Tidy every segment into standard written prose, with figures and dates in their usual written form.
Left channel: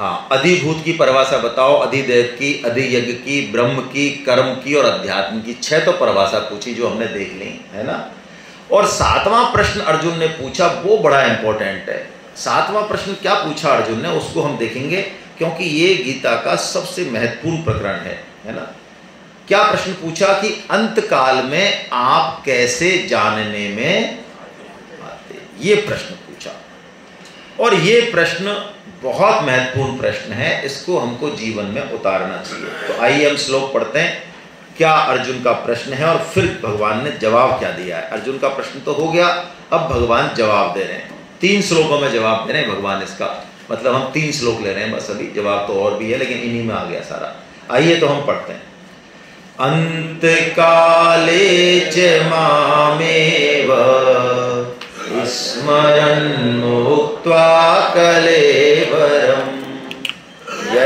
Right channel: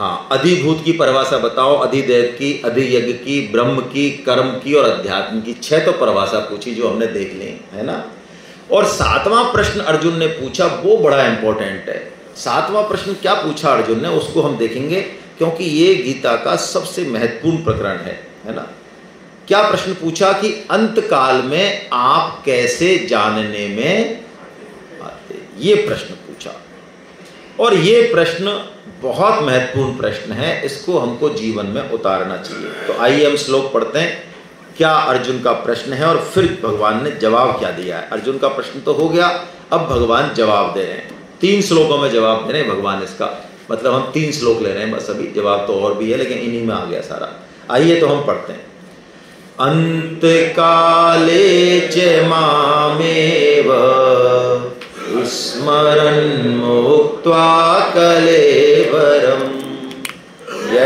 हाँ, अधिभूत की परिभाषा बताओ, अधिदेव की, अधियज्ञ की, ब्रह्म की, कर्म की और अध्यात्म की। 6 तो परिभाषा पूछी जो हमने देख ली, है ना। और 7वां प्रश्न अर्जुन ने पूछा, वो बड़ा इंपॉर्टेंट है। 7वां प्रश्न क्या पूछा अर्जुन ने, उसको हम देखेंगे, क्योंकि ये गीता का सबसे महत्वपूर्ण प्रकरण है ना। क्या प्रश्न पूछा कि अंत काल में आप कैसे जानने में आते, ये प्रश्न पूछा। और ये प्रश्न बहुत महत्वपूर्ण प्रश्न है, इसको हमको जीवन में उतारना चाहिए। तो आइए हम श्लोक पढ़ते हैं, क्या अर्जुन का प्रश्न है और फिर भगवान ने जवाब क्या दिया है। अर्जुन का प्रश्न तो हो गया, अब भगवान जवाब दे रहे हैं। 3 श्लोकों में जवाब दे रहे हैं भगवान, इसका मतलब हम 3 श्लोक ले रहे हैं बस अभी, जवाब तो और भी है लेकिन इन्हीं में आ गया सारा। आइए तो हम पढ़ते हैं। अंत काले च मामेव स्मरन् मुक्त्वा कलेवरम् य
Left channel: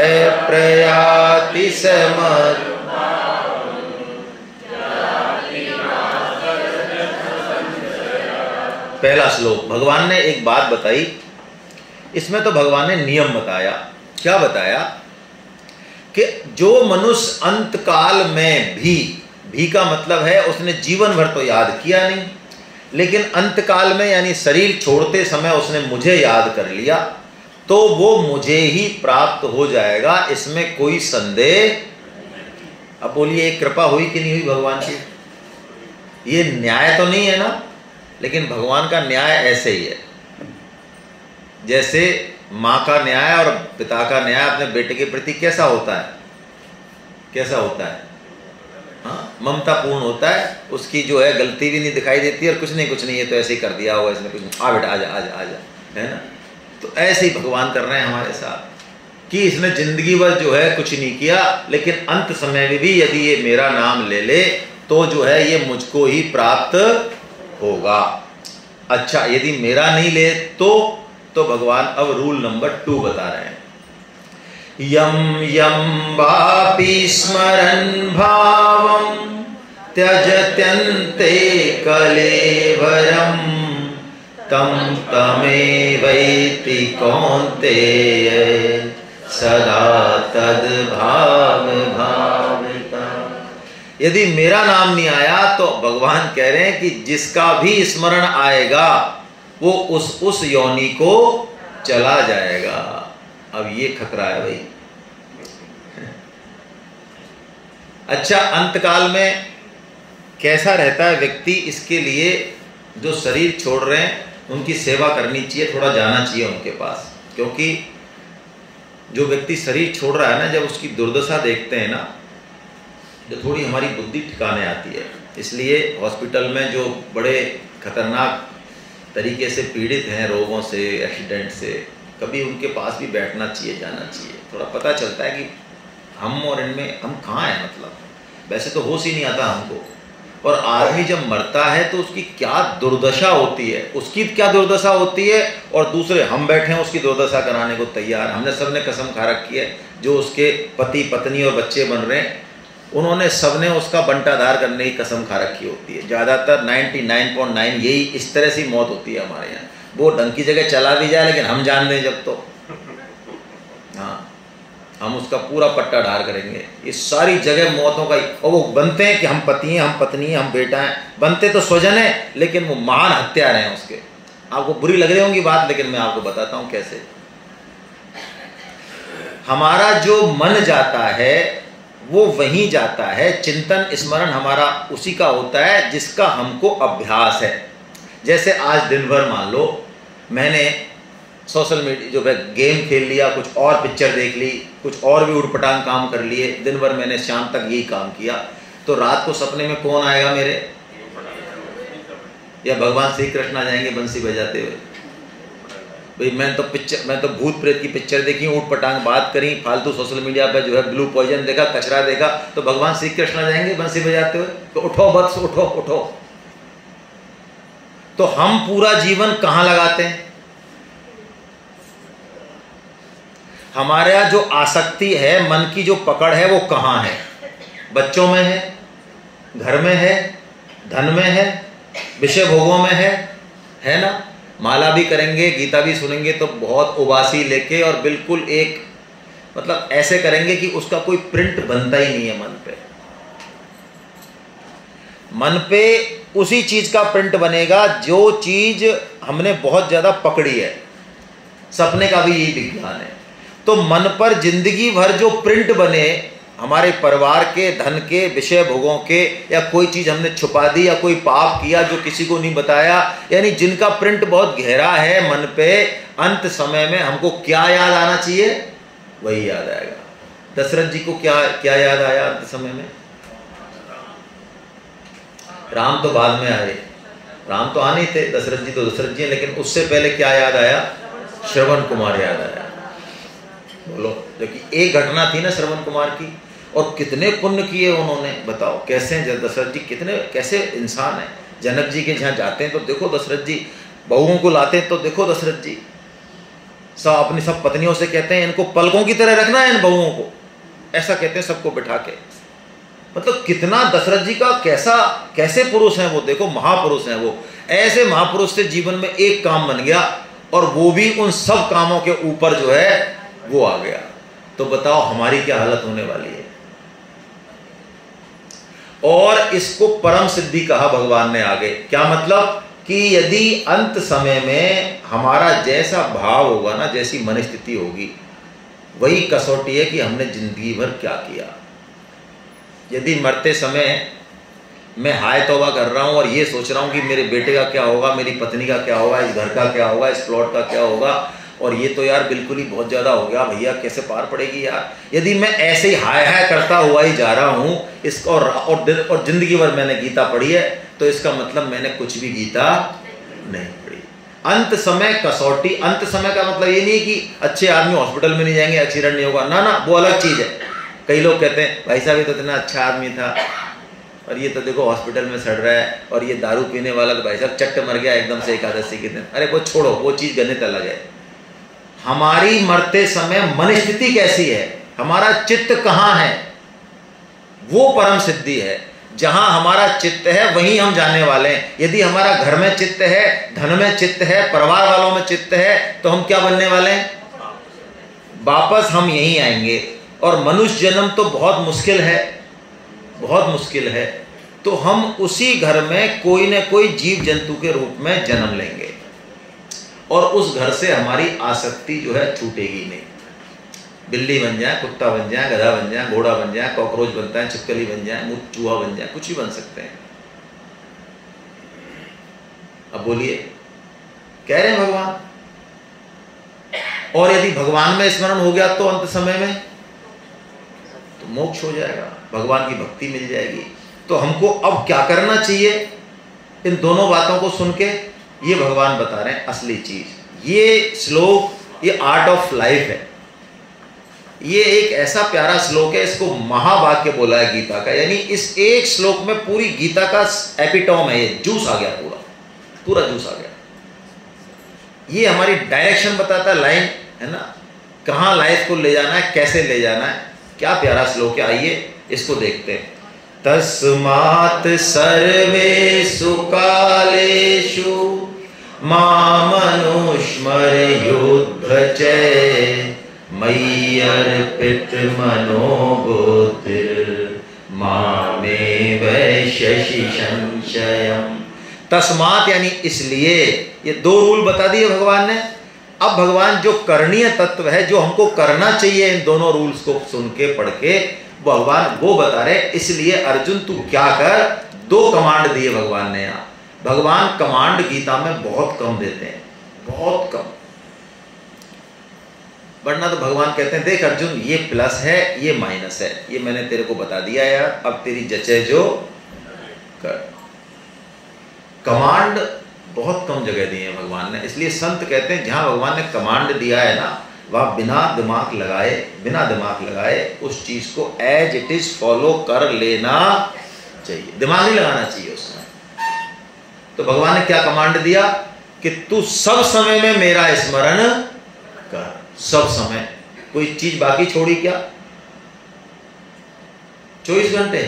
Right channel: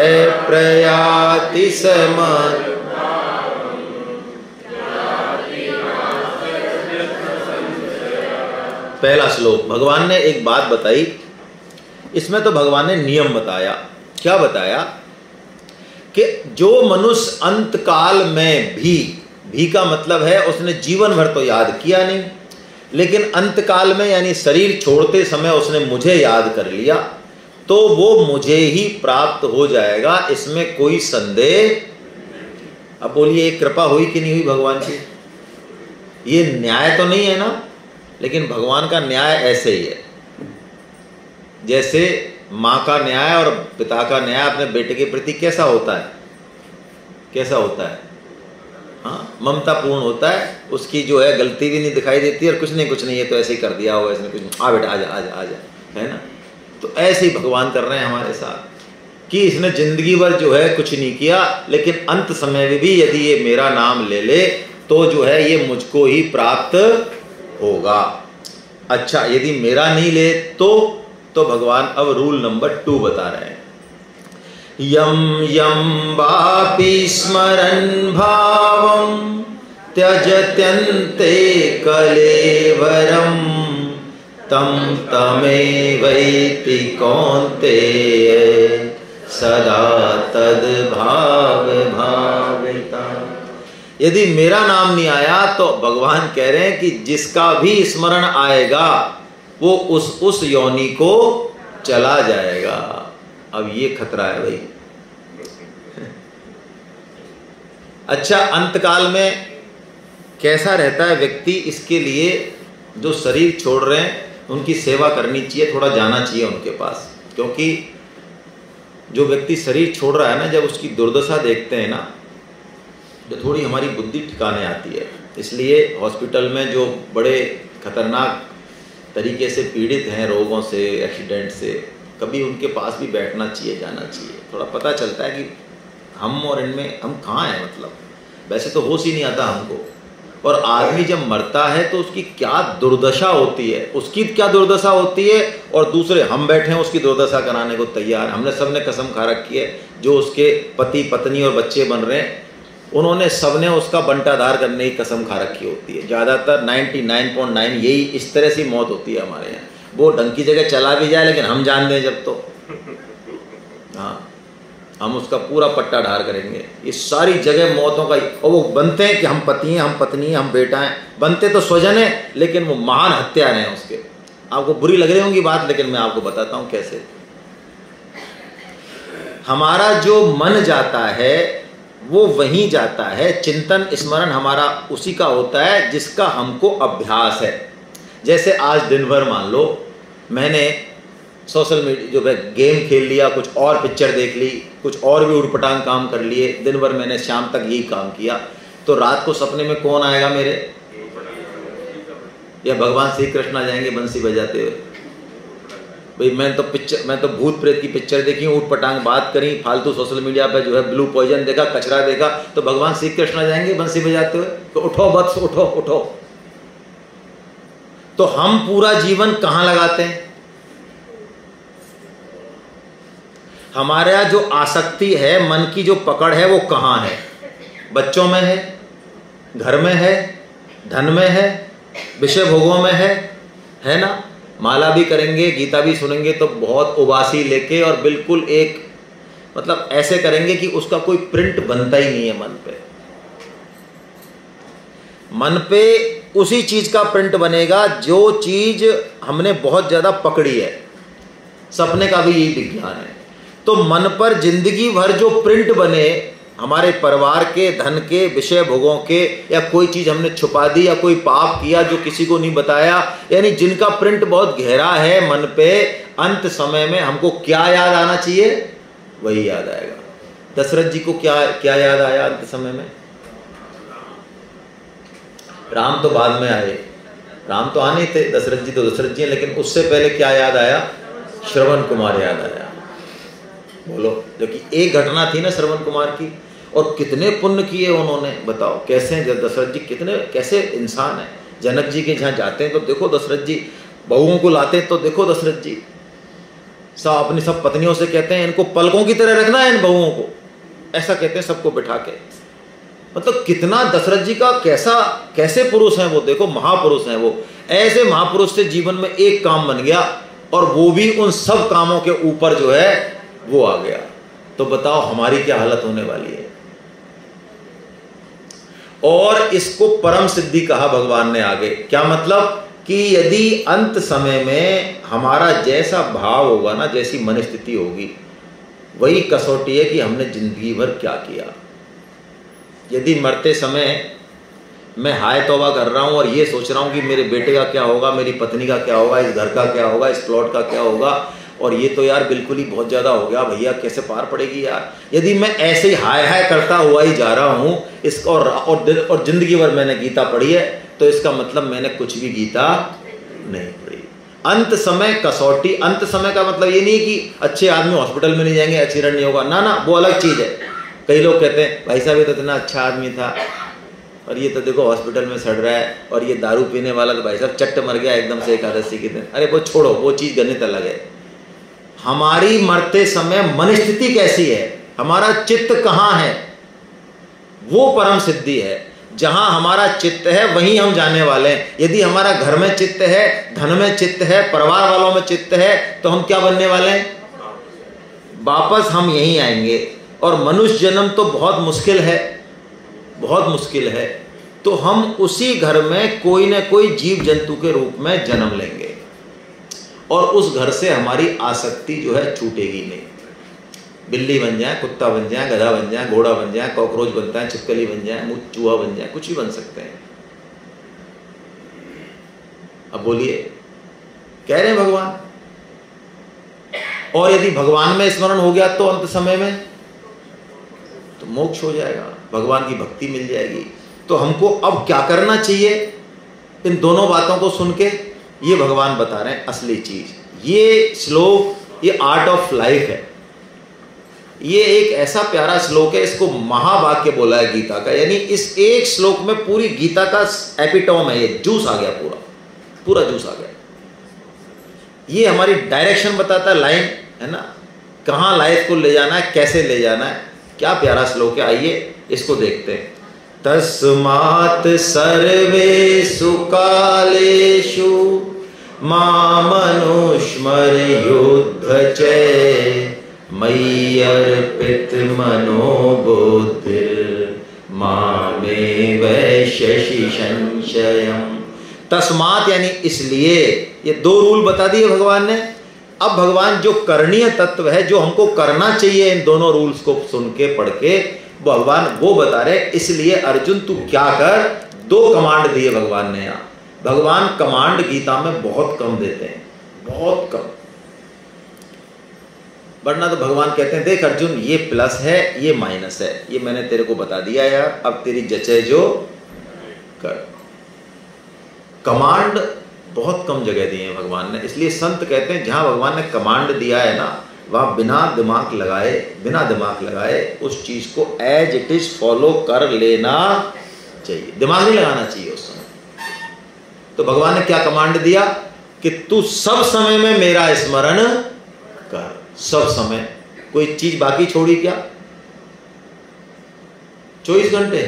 प्रयाति समर्थ। पहला श्लोक, भगवान ने एक बात बताई, इसमें तो भगवान ने नियम बताया। क्या बताया कि जो मनुष्य अंत काल में भी का मतलब है उसने जीवन भर तो याद किया नहीं, लेकिन अंत काल में यानी शरीर छोड़ते समय उसने मुझे याद कर लिया, तो वो मुझे ही प्राप्त हो जाएगा, इसमें कोई संदेह। अब बोलिए कृपा हुई कि नहीं हुई भगवान की? ये न्याय तो नहीं है ना, लेकिन भगवान का न्याय ऐसे ही है जैसे माँ का न्याय और पिता का न्याय अपने बेटे के प्रति कैसा होता है, कैसा होता है? हाँ, ममता पूर्ण होता है। उसकी जो है गलती भी नहीं दिखाई देती और कुछ नहीं ये तो ऐसे ही कर दिया होगा इसने, कुछ आ बेटा आजा आजा आजा, है ना। तो ऐसे ही भगवान कर रहे हैं हमारे साथ कि इसने जिंदगी भर जो है कुछ नहीं किया, लेकिन अंत समय में भी यदि ये मेरा नाम ले ले तो जो है ये मुझको ही प्राप्त होगा। अच्छा, यदि मेरा नहीं ले तो भगवान अब रूल नंबर 2 बता रहे हैं। यम यम वापि स्मरन् भावं त्यजत्यन्ते कलेवरं तं तमेवैति कौन्तेय सदा तद्भाव भाविता। यदि मेरा नाम नहीं आया तो भगवान कह रहे हैं कि जिसका भी स्मरण आएगा वो उस योनि को चला जाएगा। अब ये खतरा है भाई। अच्छा, अंतकाल में कैसा रहता है व्यक्ति, इसके लिए जो शरीर छोड़ रहे हैं उनकी सेवा करनी चाहिए, थोड़ा जाना चाहिए उनके पास, क्योंकि जो व्यक्ति शरीर छोड़ रहा है ना, जब उसकी दुर्दशा देखते हैं ना, जो थोड़ी हमारी बुद्धि ठिकाने आती है। इसलिए हॉस्पिटल में जो बड़े खतरनाक तरीके से पीड़ित हैं रोगों से, एक्सीडेंट से, कभी उनके पास भी बैठना चाहिए, जाना चाहिए। थोड़ा पता चलता है कि हम और इनमें हम कहाँ हैं, मतलब वैसे तो होश ही नहीं आता हमको। और आदमी जब मरता है तो उसकी क्या दुर्दशा होती है, उसकी क्या दुर्दशा होती है, और दूसरे हम बैठे हैं उसकी दुर्दशा कराने को तैयार। हमने सबने कसम खा रखी है, जो उसके पति पत्नी और बच्चे बन रहे हैं उन्होंने सबने उसका बंटाधार करने की कसम खा रखी होती है। ज़्यादातर 99.9 यही इस तरह से मौत होती है हमारे यहाँ। वो ढंग की जगह चला भी जाए लेकिन हम जान दें जब, तो हाँ, हम उसका पूरा पट्टा ढार करेंगे। ये सारी जगह मौतों का, और वो बनते हैं कि हम पति हैं, हम पत्नी हैं, हम बेटा हैं, बनते तो स्वजन है लेकिन वो महान हत्यारे हैं उसके। आपको बुरी लग रही होंगी बात, लेकिन मैं आपको बताता हूँ कैसे। हमारा जो मन जाता है वो वहीं जाता है, चिंतन स्मरण हमारा उसी का होता है जिसका हमको अभ्यास है। जैसे आज दिन भर मान लो मैंने सोशल मीडिया जो है गेम खेल लिया, कुछ और पिक्चर देख ली, कुछ और भी उटपटांग काम कर लिए, दिन भर मैंने शाम तक यही काम किया, तो रात को सपने में कौन आएगा मेरे? या भगवान श्री कृष्ण आ जाएंगे बंसी बजाते हुए? भाई मैं तो भूत प्रेत की पिक्चर देखी, ऊट पटांग बात करी, फालतू सोशल मीडिया पे जो है ब्लू पॉइजन देखा, कचरा देखा, तो भगवान श्री कृष्ण आ जाएंगे बंसी बजाते हुए? तो उठो बस, उठो उठो। तो हम पूरा जीवन कहां लगाते हैं? हमारा जो आसक्ति है, मन की जो पकड़ है, वो कहां है? बच्चों में है, घर में है, धन में है, विषय भोगों में है ना। माला भी करेंगे, गीता भी सुनेंगे तो बहुत उबासी लेके और बिल्कुल एक मतलब ऐसे करेंगे कि उसका कोई प्रिंट बनता ही नहीं है मन पे। मन पे उसी चीज का प्रिंट बनेगा जो चीज हमने बहुत ज्यादा पकड़ी है। सपने का भी यही विज्ञान है। तो मन पर जिंदगी भर जो प्रिंट बने, हमारे परिवार के, धन के, विषय भोगों के, या कोई चीज हमने छुपा दी, या कोई पाप किया जो किसी को नहीं बताया, यानी जिनका प्रिंट बहुत गहरा है मन पे, अंत समय में हमको क्या याद आना चाहिए? वही याद आएगा। दशरथ जी को क्या क्या याद आया अंत समय में? राम तो बाद में आए, राम तो आने थे, दशरथ जी तो दशरथ जी, लेकिन उससे पहले क्या याद आया? श्रवण कुमार याद आया। बोलो, देखिए एक घटना थी ना श्रवण कुमार की, और कितने पुण्य किए उन्होंने, बताओ कैसे दशरथ जी कितने कैसे इंसान है। जनक जी के जहाँ जाते हैं तो देखो दशरथ जी, बहुओं को लाते हैं तो देखो दशरथ जी, सब अपनी सब पत्नियों से कहते हैं इनको पलकों की तरह रखना है इन बहुओं को, ऐसा कहते हैं सबको बिठा के। मतलब कितना दशरथ जी का कैसे पुरुष हैं वो, देखो महापुरुष हैं वो। ऐसे महापुरुष से जीवन में एक काम बन गया, और वो भी उन सब कामों के ऊपर जो है वो आ गया। तो बताओ हमारी क्या हालत होने वाली है। और इसको परम सिद्धि कहा भगवान ने आगे। क्या मतलब? कि यदि अंत समय में हमारा जैसा भाव होगा ना, जैसी मन स्थिति होगी, वही कसौटी है कि हमने जिंदगी भर क्या किया। यदि मरते समय मैं हाय तौबा कर रहा हूं और ये सोच रहा हूं कि मेरे बेटे का क्या होगा, मेरी पत्नी का क्या होगा, इस घर का क्या होगा, इस प्लॉट का क्या होगा, और ये तो यार बिल्कुल ही बहुत ज्यादा हो गया भैया, कैसे पार पड़ेगी यार। यदि मैं ऐसे ही हाय हाय करता हुआ ही जा रहा हूं इसको, और जिंदगी भर मैंने गीता पढ़ी है, तो इसका मतलब मैंने कुछ भी गीता नहीं पढ़ी। अंत समय कसौटी। अंत समय का मतलब ये नहीं कि अच्छे आदमी हॉस्पिटल में नहीं जाएंगे, एक्सीडेंट नहीं होगा, ना ना, वो अलग चीज है। कई लोग कहते हैं भाई साहब ये तो इतना अच्छा आदमी था, और ये तो देखो हॉस्पिटल में सड़ रहा है, और ये दारू पीने वाला तो भाई साहब चट्ट मर गया एकदम से एकादशी के दिन। अरे वो छोड़ो, वो चीज गणित अलग है। हमारी मरते समय मन स्थिति कैसी है, हमारा चित्त कहाँ है, वो परम सिद्धि है। जहां हमारा चित्त है वहीं हम जाने वाले हैं। यदि हमारा घर में चित्त है, धन में चित्त है, परिवार वालों में चित्त है, तो हम क्या बनने वाले हैं? वापस हम यहीं आएंगे। और मनुष्य जन्म तो बहुत मुश्किल है, बहुत मुश्किल है। तो हम उसी घर में कोई न कोई जीव जंतु के रूप में जन्म लेंगे, और उस घर से हमारी आसक्ति जो है छूटेगी नहीं। बिल्ली बन जाए, कुत्ता बन जाए, गधा बन जाए, घोड़ा बन जाए, कॉकरोच बनता है, छिपकली बन जाए, चूहा बन जाए, कुछ भी बन सकते हैं। अब बोलिए, कह रहे हैं भगवान। और यदि भगवान में स्मरण हो गया तो अंत समय में तो मोक्ष हो जाएगा, भगवान की भक्ति मिल जाएगी। तो हमको अब क्या करना चाहिए? इन दोनों बातों को सुन के ये भगवान बता रहे हैं असली चीज। ये श्लोक, ये आर्ट ऑफ लाइफ है। ये एक ऐसा प्यारा श्लोक है, इसको महावाक्य बोला है गीता का। यानी इस एक श्लोक में पूरी गीता का एपिटोम है, ये जूस आ गया, पूरा जूस आ गया। ये हमारी डायरेक्शन बताता है, लाइन है ना, कहाँ लाइफ को ले जाना है, कैसे ले जाना है। क्या प्यारा श्लोक है, आइए इसको देखते हैं। तस्मात् सर्वेषु कालेषु मामनुस्मरयुध्य च मय्यर्पित मनो बुद्धिर्मामेव शशि संशयम्। तस्मात् यानी इसलिए, ये दो रूल बता दिए भगवान ने। अब भगवान जो करणीय तत्व है, जो हमको करना चाहिए इन दोनों रूल्स को सुन के पढ़ के, भगवान वो बता रहे। इसलिए अर्जुन तू क्या कर, दो कमांड दिए भगवान ने यहाँ। भगवान कमांड गीता में बहुत कम देते हैं, बहुत कम। वरना तो भगवान कहते हैं देख अर्जुन, ये प्लस है, ये माइनस है, ये मैंने तेरे को बता दिया यार, अब तेरी जचे जो कर। कमांड बहुत कम जगह दिए हैं भगवान ने। इसलिए संत कहते हैं जहां भगवान ने कमांड दिया है ना, वहां बिना दिमाग लगाए उस चीज को एज इट इज फॉलो कर लेना चाहिए, दिमाग नहीं लगाना चाहिए उसमें। तो भगवान ने क्या कमांड दिया कि तू सब समय में मेरा स्मरण कर, सब समय। कोई चीज बाकी छोड़ी क्या? 24 घंटे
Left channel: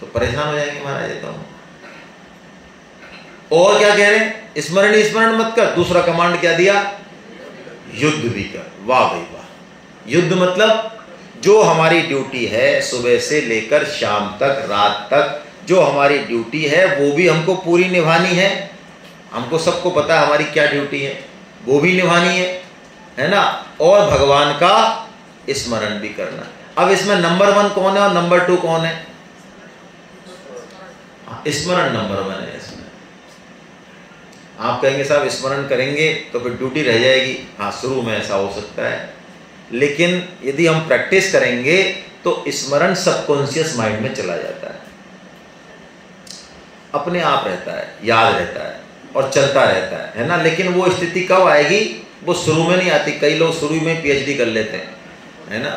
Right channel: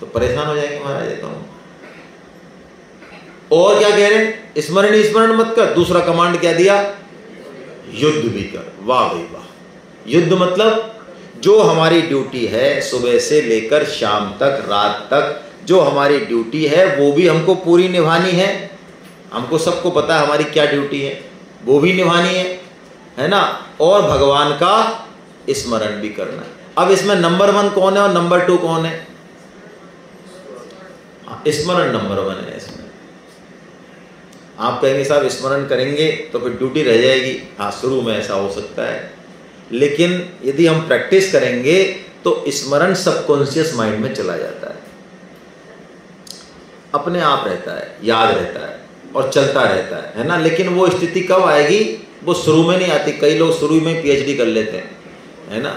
तो परेशान हो जाएंगे महाराज। तो और क्या कह रहे हैं? स्मरण मत कर। दूसरा कमांड क्या दिया? युद्ध भी कर। वाह भाई वाह, युद्ध मतलब जो हमारी ड्यूटी है सुबह से लेकर शाम तक, रात तक जो हमारी ड्यूटी है वो भी हमको पूरी निभानी है। हमको सबको पता है हमारी क्या ड्यूटी है, वो भी निभानी है ना, और भगवान का स्मरण भी करना। अब इसमें नंबर 1 कौन है और नंबर 2 कौन है? स्मरण नंबर 1 है इसमें। आप कहेंगे साहब स्मरण करेंगे तो फिर ड्यूटी रह जाएगी। हाँ, शुरू में ऐसा हो सकता है, लेकिन यदि हम प्रैक्टिस करेंगे तो स्मरण सबकॉन्शियस माइंड में चला जाता है, अपने आप रहता है, याद रहता है और चलता रहता है ना। लेकिन वो स्थिति कब आएगी? वो शुरू में नहीं आती। कई लोग शुरू में PhD कर लेते हैं, है ना।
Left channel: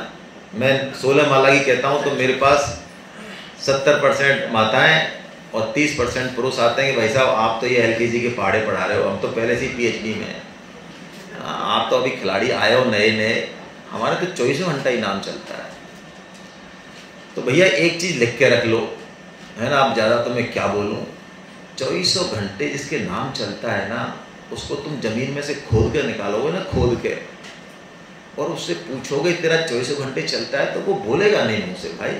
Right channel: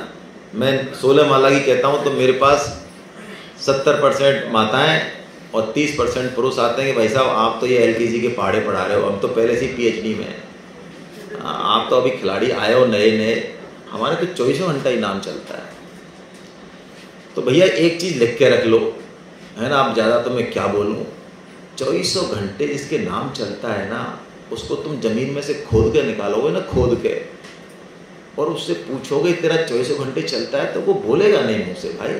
मैं 16 माला की कहता हूँ तो मेरे पास 70% माताएं और 30% पुरुष आते हैं कि भाई साहब आप तो ये LKG के पहाड़े पढ़ा रहे हो, हम तो पहले से PhD में हैं, आप तो अभी खिलाड़ी आए हो नए नए, हमारे तो 24 घंटा ही नाम चलता है। तो भैया एक चीज़ लिख के रख लो, है ना। अब ज़्यादा तो मैं क्या बोलूँ, 24 घंटे जिसके नाम चलता है ना, उसको तुम जमीन में से खोद के निकालोगे ना, खोद के, और उससे पूछोगे तेरा 24 घंटे चलता है, तो वो बोलेगा नहीं मुँह से, भाई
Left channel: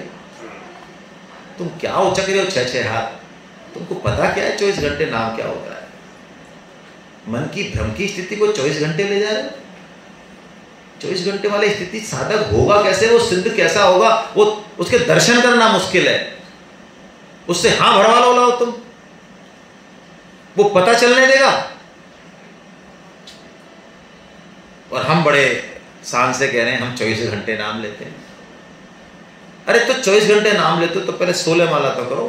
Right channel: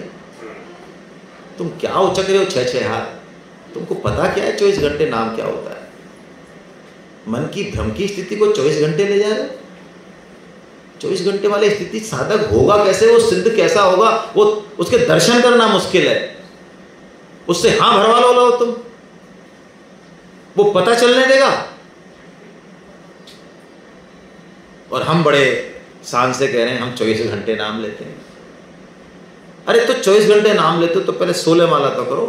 तुम क्या उचक रहे हो 6-6 हाथ, तुमको पता क्या है 24 घंटे नाम क्या होता है? मन की भ्रम की स्थिति को 24 घंटे ले जा रहे हो। 24 घंटे वाली स्थिति साधक होगा कैसे? वो सिद्ध कैसा होगा? वो उसके दर्शन करना मुश्किल है, उससे हाँ भरवा लो तुम, वो पता चलने देगा। और हम बड़े शान से कह रहे हैं हम 24 घंटे नाम लेते हैं। अरे तो 24 घंटे नाम लेते हो तो पहले 16 माला तो करो,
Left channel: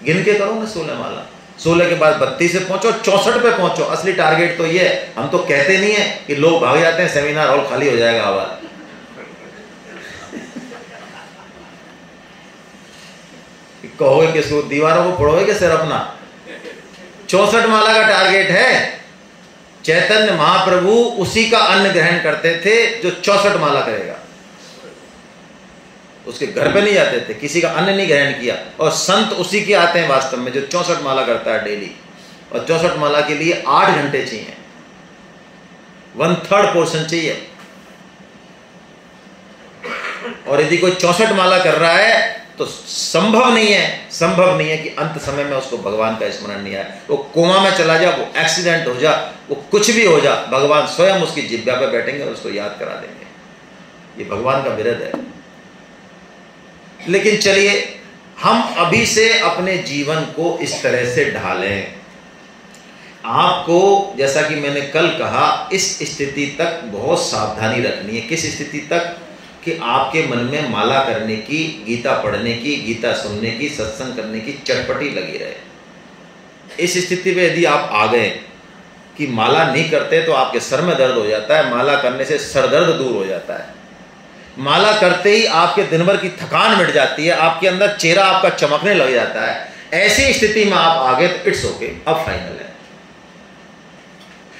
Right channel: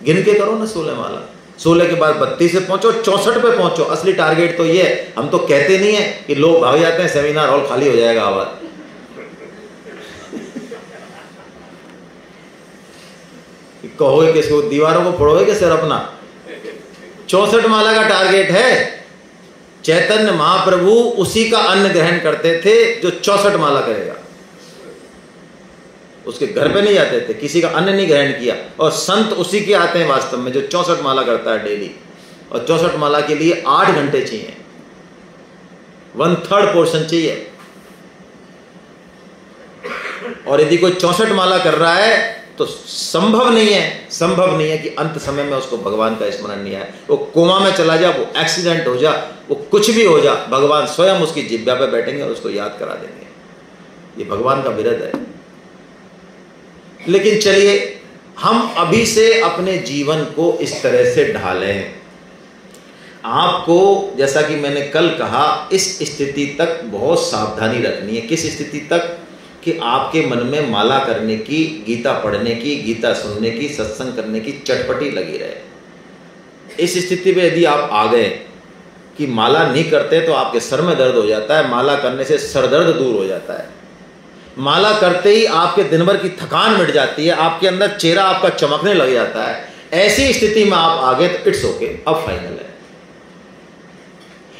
गिन के करो ना 16 माला। 16 के बाद 32 से पहुंचो, 64 पे पहुंचो। असली टारगेट तो ये है, हम तो कहते नहीं है कि लोग भाग जाते हैं, सेमिनार हॉल खाली हो जाएगा आवाज। कहोगे किसको, दीवारों को फोड़ोगे कि सिर अपना? 64 माला का टारगेट है। चैतन्य महाप्रभु उसी का अन्न ग्रहण करते थे जो 64 माला करेगा। उसके घर पे नहीं जाते थे, किसी का अन्न नहीं ग्रहण किया। और संत उसी के आते हैं वास्तव में जो 64 माला करता है डेली। और 64 माला के लिए 8 घंटे चाहिए, 1/3 पोर्शन चाहिए। और यदि कोई 64 माला कर रहा है तो संभव नहीं है कि अंत समय में उसको भगवान का स्मरण नहीं आए। वो कोमा में चला जा, वो एक्सीडेंट हो जा, वो कुछ भी हो जा, भगवान स्वयं उसकी जिब्या पे बैठेंगे और उसको याद करा देंगे। ये भगवान का विरध है। लेकिन चलिए हम अभी से अपने जीवन को इस तरह से ढालें। आपको जैसा कि मैंने कल कहा, इस स्थिति तक बहुत सावधानी रखनी है। किस स्थिति तक? कि आपके मन में माला करने की, गीता पढ़ने की, गीता सुनने की, सत्संग करने की चटपटी लगी रहे। इस स्थिति में यदि आप आ गए कि माला नहीं करते तो आपके सर में दर्द हो जाता है, माला करने से सर दर्द दूर हो जाता है, माला करते ही आपके दिन भर की थकान मिट जाती है, आपके अंदर चेहरा आपका चमकने लग जाता है, ऐसी स्थिति में आप आ गए तो इट्स ओके, अब फाइनल है।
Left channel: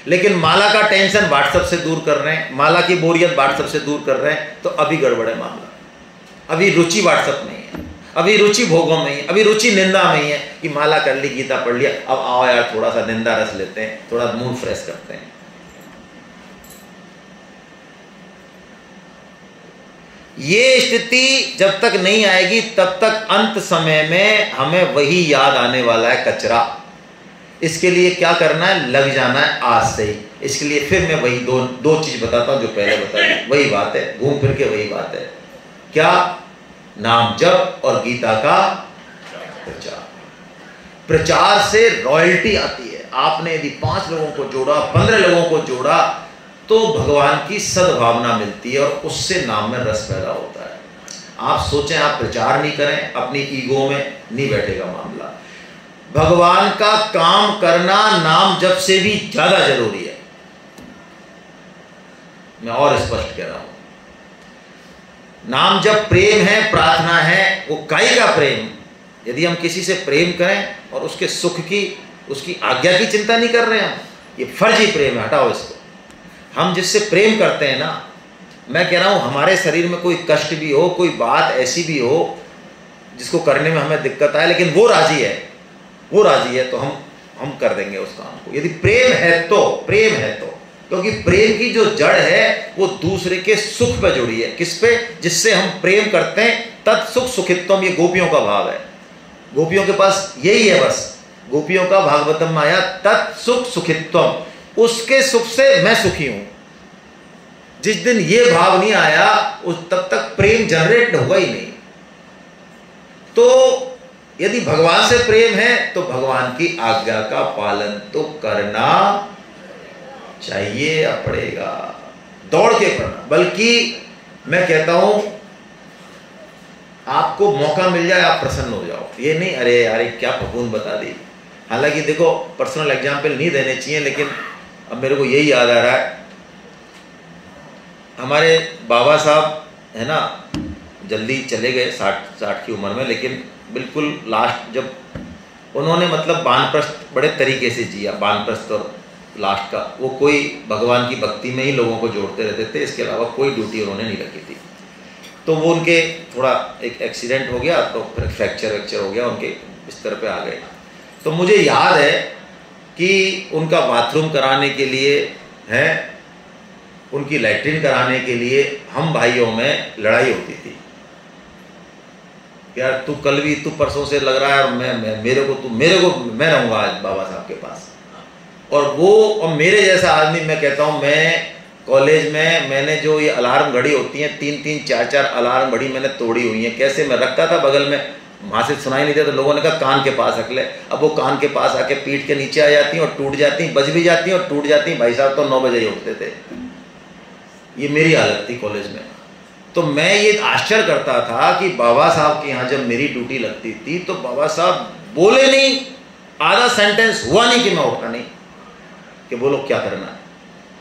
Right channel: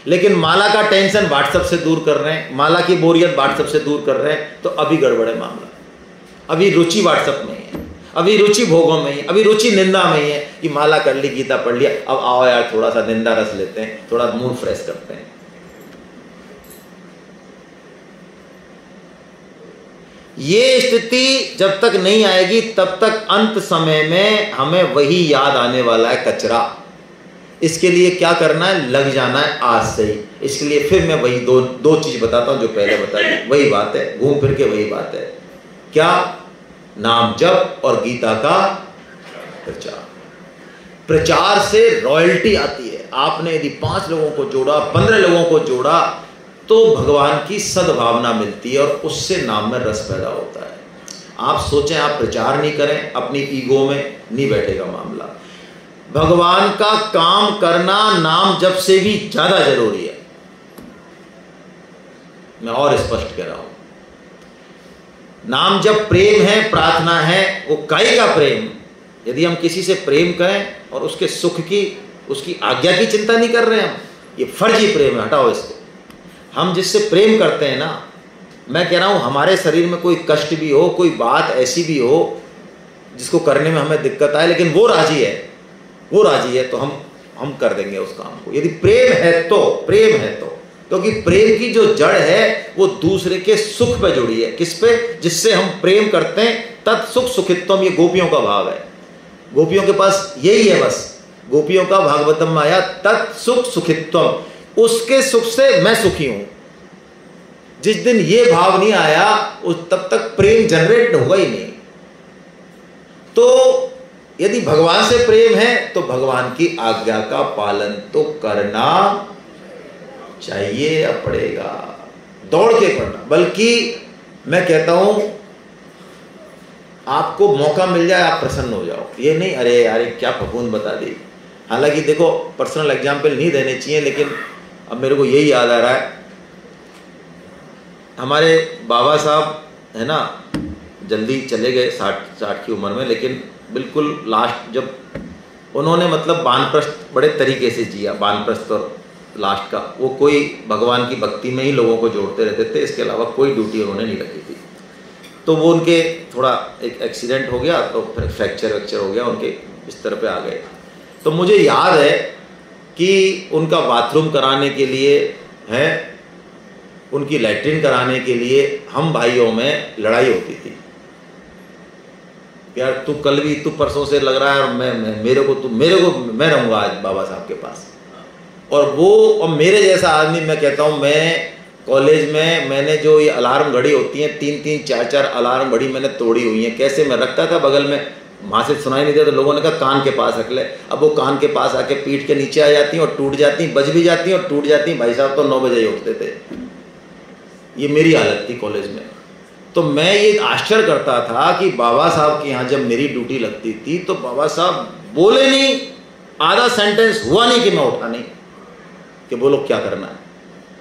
लेकिन माला का टेंशन व्हाट्सएप से दूर कर रहे हैं, माला की बोरियत व्हाट्सएप से दूर कर रहे हैं, तो अभी गड़बड़ है मामला। अभी रुचि व्हाट्सएप में ही है, अभी रुचि भोगों में ही है, अभी रुचि निंदा में ही है कि माला कर ली, गीता पढ़ लिया, अब आओ यार थोड़ा सा निंदा रस लेते हैं, थोड़ा मूड फ्रेश करते हैं। ये स्थिति जब तक नहीं आएगी तब तक अंत समय में हमें वही याद आने वाला है, कचरा। इसके लिए क्या करना है? लग जाना है आज से ही। इसके लिए फिर मैं वही दो चीज बताता हूं जो पहले बताई, वही बात है, घूम फिर के वही बात है। क्या? नाम जप और गीता का प्रचार। प्रचार से रॉयल्टी आती है। आपने यदि 5 लोगों को जोड़ा, 15 लोगों को जोड़ा, तो भगवान की सद्भावना मिलती है और उससे नाम में रस पैदा होता है। आप सोचें आप प्रचार नहीं करें, अपनी ईगो में नहीं बैठेगा मामला। भगवान का काम करना नाम जप से भी ज्यादा जरूरी है। मैं और स्पष्ट कह रहा हूं, नाम जप प्रेम है, प्रार्थना है, वो काई का प्रेम। यदि हम किसी से प्रेम करें और उसके सुख की, उसकी आज्ञा की चिंता नहीं कर रहे हैं, हम ये फर्जी प्रेम है, हटाओ इसको। हम जिससे प्रेम करते हैं ना, मैं कह रहा हूं हमारे शरीर में कोई कष्ट भी हो, कोई बात ऐसी भी हो जिसको करने में हमें दिक्कत आए, लेकिन वो राजी है तो हम कर देंगे उस काम को। यदि प्रेम है तो, प्रेम है तो क्योंकि प्रेम की जो जड़ है वो दूसरे के सुख पे जुड़ी है। किस पे? जिससे हम प्रेम करते हैं। तत्सुख सुखित्वम, ये गोपियों का भाव है। गोपियों के पास यही है बस। गोपियों का भागवतम में आया तत्सुख सुखित्वम, उसके सुख से मैं सुखी हूं। जिस दिन ये भाव नहीं आया उस तब तक प्रेम जनरेट होगा ही नहीं। तो यदि भगवान से प्रेम है तो भगवान की आज्ञा का पालन तो करना चाहिए या पड़ेगा, दौड़ के करना। बल्कि मैं कहता हूं आपको मौका मिल जाए आप प्रसन्न हो जाओ, ये नहीं अरे अरे क्या फफूंद बता दी। हालांकि देखो पर्सनल एग्जाम्पल नहीं देने चाहिए, लेकिन अब मेरे को यही याद आ रहा है, हमारे बाबा साहब है ना जल्दी चले गए 60 की उम्र में, लेकिन बिल्कुल लास्ट जब उन्होंने मतलब वानप्रस्थ बड़े तरीके से जिया, वानप्रस्थ और लास्ट का वो कोई भगवान की भक्ति में ही लोगों को जोड़ते रहते थे, इसके अलावा कोई ड्यूटी उन्होंने नहीं रखी थी। तो वो उनके थोड़ा एक एक्सीडेंट हो गया, तो फिर फ्रैक्चर हो गया, उनके बिस्तर पे आ गए। तो मुझे याद है कि उनका बाथरूम कराने के लिए है, उनकी लैट्रिन कराने के लिए हम भाइयों में लड़ाई होती थी। यार तू कल भी, तू परसों से लग रहा है और मैं रहूंगा आज बाबा साहब के पास। और मेरे जैसा आदमी, मैं कहता हूं, मैं कॉलेज में मैंने जो ये अलार्म घड़ी होती है 3-3 4-4 अलार्म घड़ी मैंने तोड़ी हुई है। कैसे? मैं रखता था बगल में, वहां से सुनाई नहीं देता तो लोगों ने कहा कान के पास रख ले। अब वो कान के पास आके पीठ के नीचे आ जाती हैं और टूट जाती हैं, बज भी जाती हैं और टूट जाती हैं। भाई साहब तो 9 बजे ही उठते थे। ये मेरी हालत थी कॉलेज में। तो मैं ये आश्चर्य करता था कि बाबा साहब के यहाँ जब मेरी ड्यूटी लगती थी तो बाबा साहब बोले नहीं, आधा सेंटेंस हुआ नहीं कि मैं उठा नहीं कि बोलो क्या करना है।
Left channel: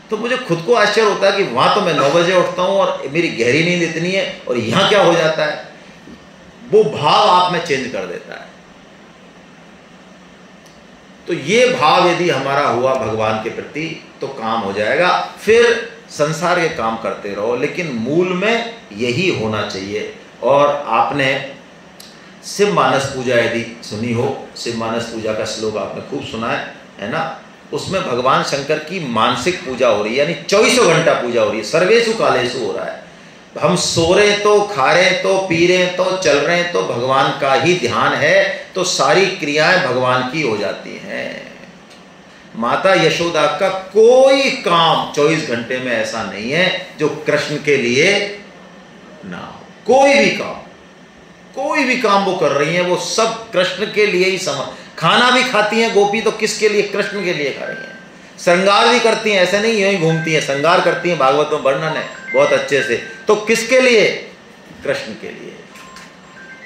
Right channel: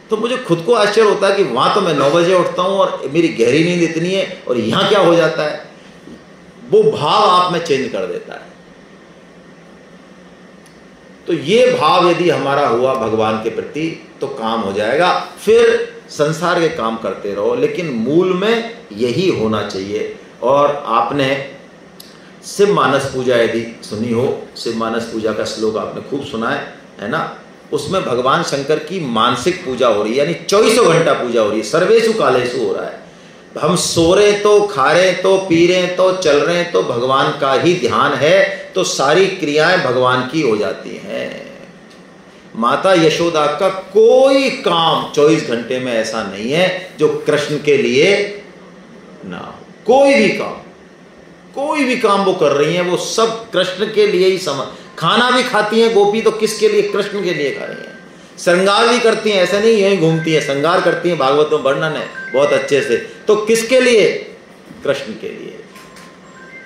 तो मुझे खुद को आश्चर्य होता है कि वहां तो मैं 9 बजे उठता हूं और मेरी गहरी नींद इतनी है, और यहां क्या हो जाता है। वो भाव आप में चेंज कर देता है। तो ये भाव यदि हमारा हुआ भगवान के प्रति तो काम हो जाएगा। फिर संसार के काम करते रहो, लेकिन मूल में यही होना चाहिए। और आपने शिव मानस पूजा यदि सुनी हो, शिव मानस पूजा का श्लोक आपने खूब सुना है ना। उसमें भगवान शंकर की मानसिक पूजा हो रही है, यानी 24 घंटा पूजा हो रही है, सर्वेषु कालेषु हो रहा है। हम सो रहे तो, खा रहे तो, पी रहे तो, चल रहे तो भगवान का ही ध्यान है, तो सारी क्रियाएं भगवान की हो जाती हैं। माता यशोदा का कोई काम 24 घंटे में ऐसा नहीं है जो कृष्ण के लिए ना हो। कोई भी काम वो कर रही हैं, वो सब कृष्ण के लिए ही खाना भी खाती हैं गोपी तो किसके लिए? कृष्ण के लिए खा रही हैं। श्रृंगार भी करती हैं, ऐसे नहीं यहीं घूमती हैं, श्रृंगार करती हैं, भागवत में वर्णन है बहुत अच्छे से। तो किसके लिए? कृष्ण के लिए।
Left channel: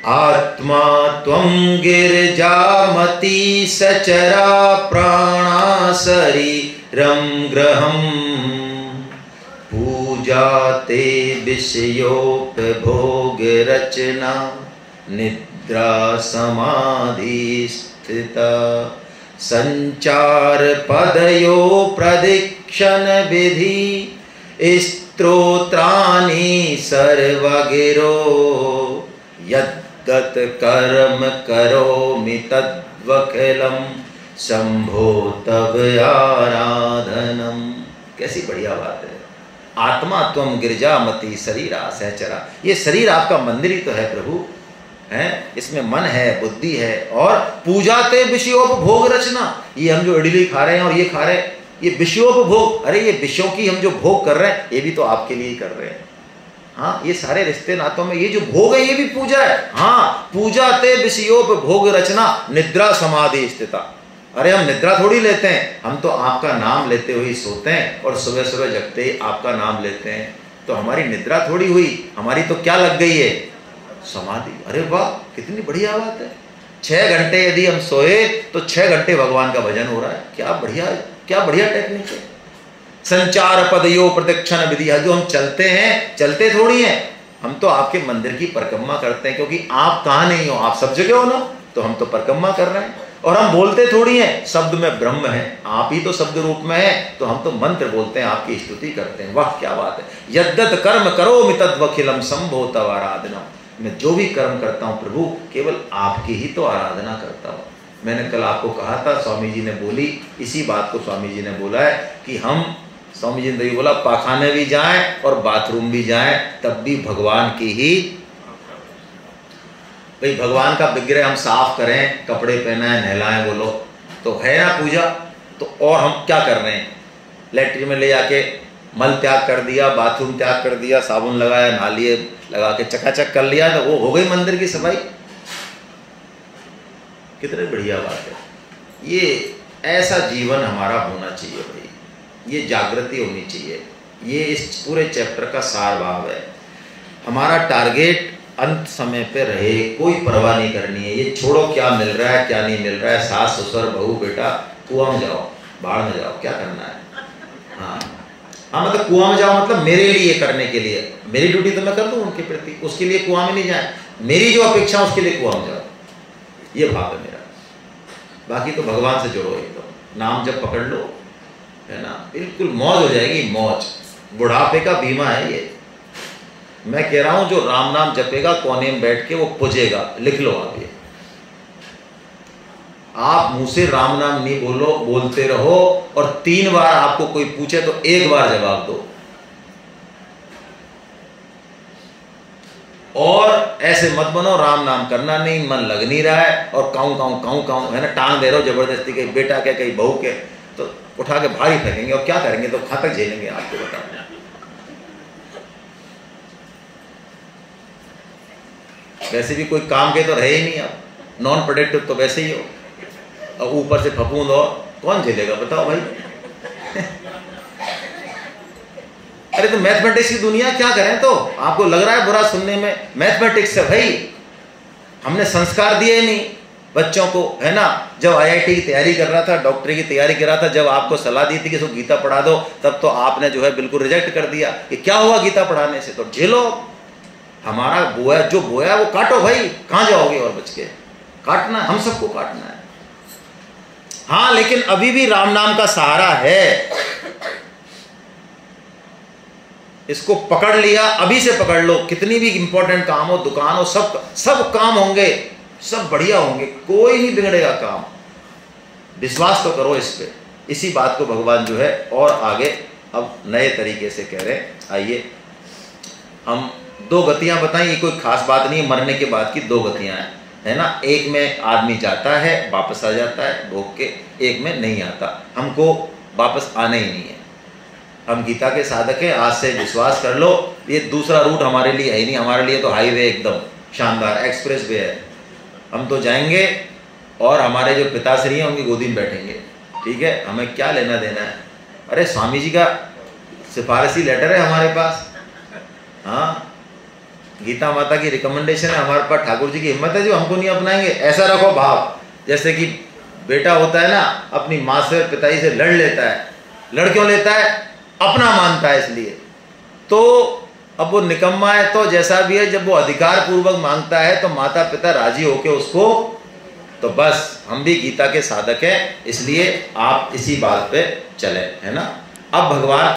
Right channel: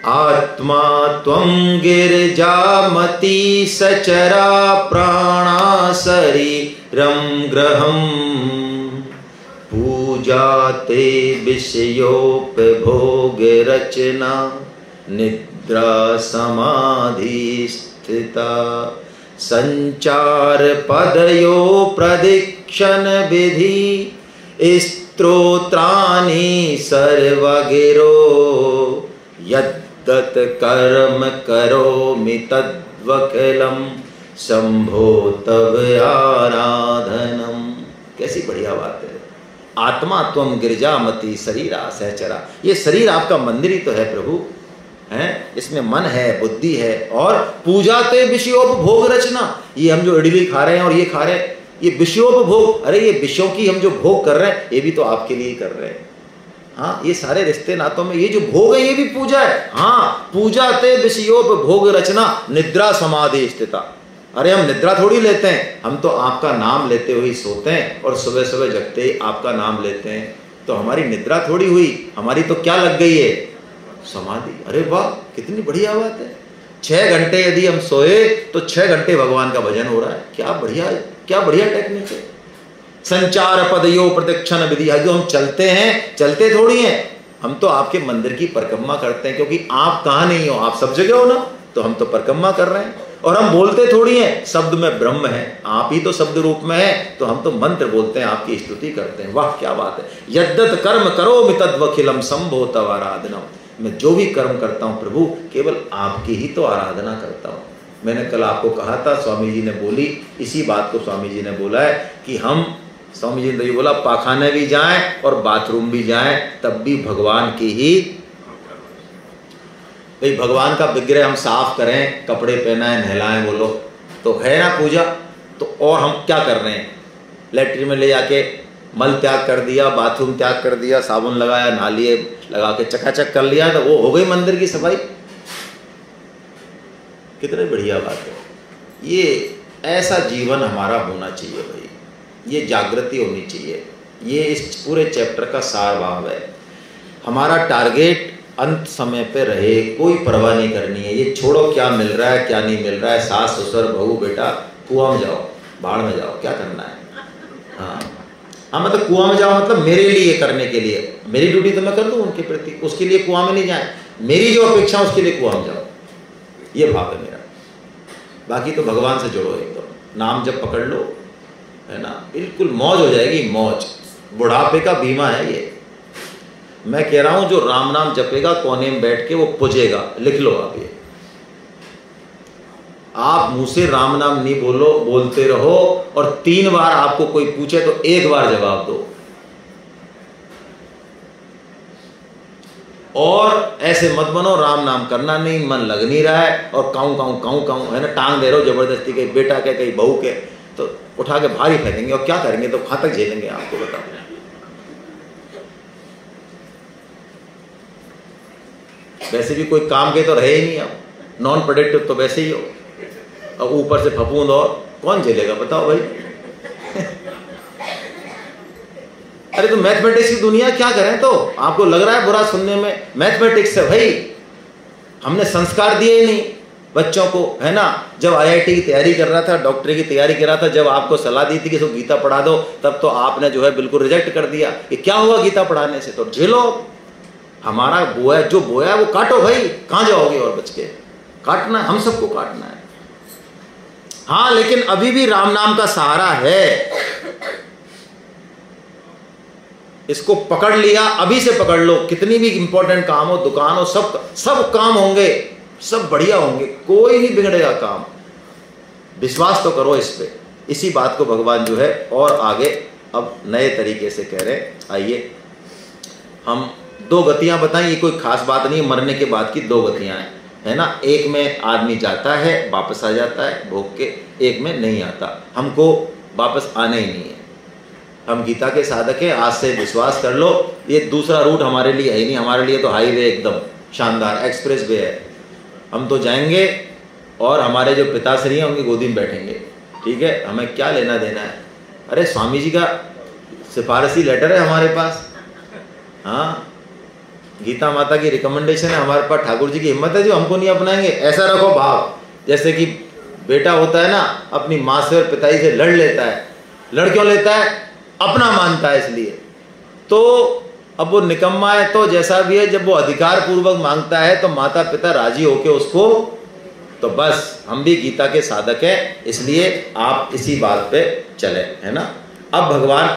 आत्मा त्वं गिरजामती सचरा प्राणा शरीरं ग्रहं पूजाते विषयोपभोग रचना निद्रा समाधि स्थिता संचार पदयो प्रदिक्षण विधि स्तोत्राणि सर्वगिरो यद्दत् कर्म करोमि तद्वखिलं शंभो तव आराधनम। कैसी बढ़िया बात है। आत्मा त्वं गिरजामती शरीरा सहचरा, ये शरीर आपका मंदिर ही तो है प्रभु, हैं? इसमें मन है, बुद्धि है। और पूजाते विषयोपभोग रचना, ये हम जो इडली खा रहे हैं और ये खा रहे हैं, ये विषयोपभोग, अरे ये विषयों की हम जो भोग कर रहे हैं ये भी तो आपके लिए ही कर रहे हैं। हाँ, ये सारे रिश्ते नातों में ये जो भोग है ये भी पूजा है। हाँ, पूजाते विषयोपभोग रचना निद्रा समाधि स्थिता। अरे हम निद्रा थोड़ी लेते हैं, हम तो आपका नाम लेते हुए सोते हैं और सुबह सुबह जगते ही आपका नाम लेते हैं। तो हमारी निद्रा थोड़ी हुई, हमारी तो क्या लग गई है? समाधि। अरे वाह, कितनी बढ़िया बात है। 6 घंटे यदि हम सोए तो 6 घंटे भगवान का भजन हो रहा है। क्या बढ़िया टेक्निक है। संचार पदयो प्रदक्षिण विधि, जो हम चलते हैं, चलते थोड़ी हैं, हम तो आपके मंदिर की परिक्रमा करते हैं, क्योंकि आप कहाँ नहीं हो, आप सब जगह हो ना, तो हम तो परिक्रमा कर रहे हैं। और हम बोलते थोड़ी हैं, शब्द में ब्रह्म है, आप ही तो शब्द रूप में है, तो हम तो मंत्र बोलते हैं, आपकी स्तुति करते हैं। वाह क्या बात है। यद्दत् कर्म करोमि तद्वखिलं शंभो तव आराधनम। मैं जो भी कर्म करता हूँ प्रभु केवल आपकी ही तो आराधना करता हूँ। मैंने कल आपको कहा था, स्वामी जी ने बोली, इसी बात को स्वामी जी ने बोला है कि हम स्वामी जी ने बोला पाखाने भी जाएं और बाथरूम भी जाएं तब भी भगवान की ही, भाई भगवान का विग्रह हम साफ करें, कपड़े पहनाएं, नहलाएं, बोलो तो है ना पूजा। तो और हम क्या कर रहे हैं, लैट्रिन में ले जाके मल त्याग कर दिया, बाथरूम त्याग कर दिया, साबुन लगाया, नहा लिए, लगा के चकाचक कर लिया, तो वो हो गई मंदिर की सफाई। कितनी बढ़िया बात है। ये ऐसा जीवन हमारा होना चाहिए भाई, ये जागृति होनी चाहिए। ये इस पूरे चैप्टर का सार भाव है। हमारा टारगेट अंत समय पे रहे, कोई परवाह नहीं करनी है। ये छोड़ो क्या मिल रहा है क्या नहीं मिल रहा है, सास ससुर बहू बेटा कुआं में जाओ, बाढ़ में जाओ, क्या करना है। हाँ मतलब कुआं में जाओ मतलब मेरे लिए करने के लिए, मेरी ड्यूटी तो मैं कर दूँ उनके प्रति, उसके लिए कुआं में नहीं जाए, मेरी जो अपेक्षा उसके लिए कुआं में जाओ, ये भाव है मेरा। बाकी तो भगवान से जुड़ो एकदम, नाम जब पकड़ लो है ना, बिल्कुल मौज हो जाएगी, मौज। बुढ़ापे का बीमा है ये। मैं कह रहा हूं जो राम नाम जपेगा कोने में बैठ के वो पुजेगा, लिख लो आप ये। आप मुंह से राम नाम नहीं बोलो, बोलते रहो, और 3 बार आपको कोई पूछे तो 1 बार जवाब दो। और ऐसे मत बनो राम नाम करना नहीं, मन लग नहीं रहा है और काऊं काऊं काऊं काऊं है ना, टांग दे रहे हो जबरदस्ती, कहीं बेटा के कहीं बहू के, तो उठा के भारी फेंकेंगे और क्या करेंगे, तो कहां तक झेलेंगे आपको बताओ। वैसे भी कोई काम के तो रहे ही नहीं, आप नॉन प्रोडक्टिव तो वैसे ही हो, अब ऊपर से फफूंद और कौन झेलेगा बताओ भाई। अरे तो मैथमेटिक्स की दुनिया क्या करें, तो आपको लग रहा है बुरा सुनने में, मैथमेटिक्स है भाई। हमने संस्कार दिए ही नहीं बच्चों को, है ना। जब आईआईटी की तैयारी कर रहा था, डॉक्टरी की तैयारी कर रहा था, जब आपको सलाह दी थी कि इसको गीता पढ़ा दो, तब तो आपने जो है बिल्कुल रिजेक्ट कर दिया। ये क्या हुआ गीता पढ़ाने से, तो झेलो। हमारा बोया जो बोया वो काटो भाई, कहां जाओगे और बच के, काटना हम सबको काटना है। हाँ लेकिन अभी भी राम नाम का सहारा है, इसको पकड़ लिया, अभी से पकड़ लो। कितनी भी इंपॉर्टेंट काम हो, दुकान हो, सब काम होंगे, सब बढ़िया होंगे, कोई नहीं बिगड़ेगा काम। विश्वास तो करो इस पे। इसी बात को भगवान जो है और आगे अब नए तरीके से कह रहे हैं। आइए हम 2 गतियां बताएं, ये कोई खास बात नहीं है, मरने के बाद की 2 गतियां हैं, है ना। एक में आदमी जाता है वापस आ जाता है भोग के, एक में नहीं आता, हमको वापस आना ही नहीं है। हम गीता के साधक हैं, आज से विश्वास कर लो, ये दूसरा रूट हमारे लिए है ही नहीं। हमारे लिए तो हाईवे एकदम शानदार एक्सप्रेस वे है। हम तो जाएंगे और हमारे जो पिताश्री हैं उनकी गोदी में बैठेंगे, ठीक है, हमें क्या लेना देना है। अरे स्वामी जी का सिफारिशी लेटर है हमारे पास, हाँ गीता माता की रिकमेंडेशन है हमारे पास, ठाकुर जी की हिम्मत है जो हमको नहीं अपनाएंगे। ऐसा रखो भाव, जैसे कि बेटा होता है ना, अपनी माँ से और पिताजी से लड़ लेता है। लड़ क्यों लेता है, अपना मानता है इसलिए। तो अब वो निकम्मा है तो जैसा भी है, जब वो अधिकार पूर्वक मांगता है तो माता पिता राजी होके उसको, तो बस हम भी गीता के साधक हैं, इसलिए आप इसी बात पे चले, है ना। अब भगवान